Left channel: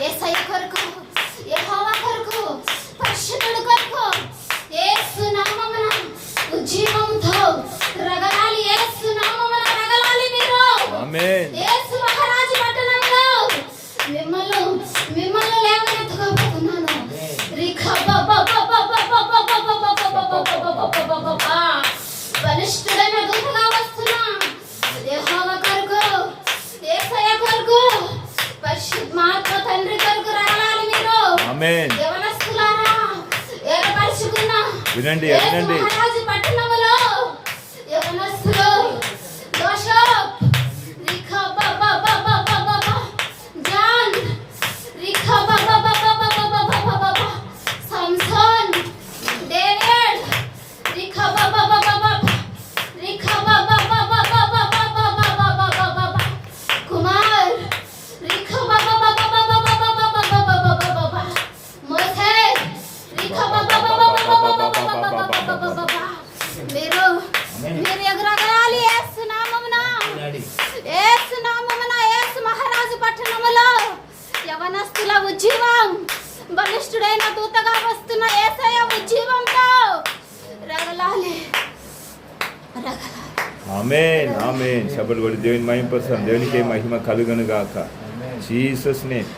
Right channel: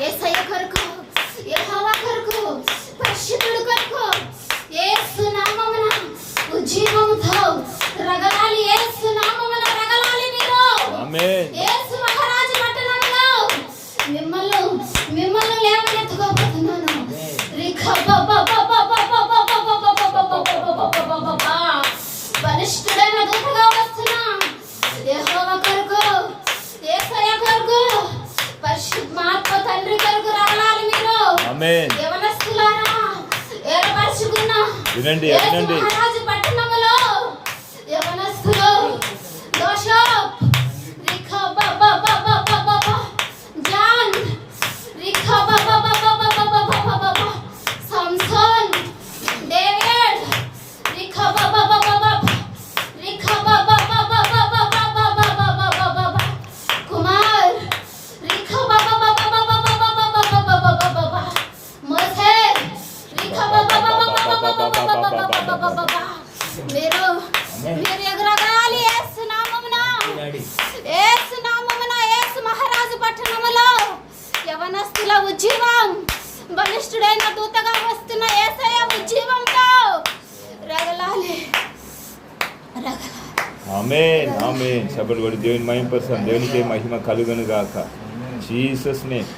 యేసయ్య కొరకు, యెహోవా కొరకు, పరిశుద్ధుడి కొరకు యేసు నామమున ఉజ్జీవంతో రగలాలి. యేసు నామమున రగలాలి మీరు. ఆమేన్. యేసు మహారాజు పట్టణంలో మిమ్మల్ని లేవనెత్తుకోబోతున్నాను. బలిష్ఠుడైన దూతగా వస్తున్నా. యెహోవా కొరకు, యేసయ్య కొరకు, పరిశుద్ధాత్మ తండ్రి కొరకు రగలాలి మీరు. ఆమేన్. యెవనస్తులారా ఏర్పరచుకున్న వినండి. మహారాజు పట్టణంలో యెవనస్తులు దోషప్ జాన్ సంసోన్ డేవిడ్ కుమార్ మోసే మీరు ఎగరగాలి. యేసు నామమున, యేసు నామమున, యేసు మహారాజు పట్టణములో యవనస్తుల ఉజ్జీవం, బలిష్ఠుడైన దూతగా వస్తున్న యేసయ్య ఉజ్జీవంతో రగలాలి. ఆమేన్. ఆమేన్. సభలు కూడా దేవుని మహిమ పరచాలి. దేవునికి మహిమ కలుగును గాక. Jesus name.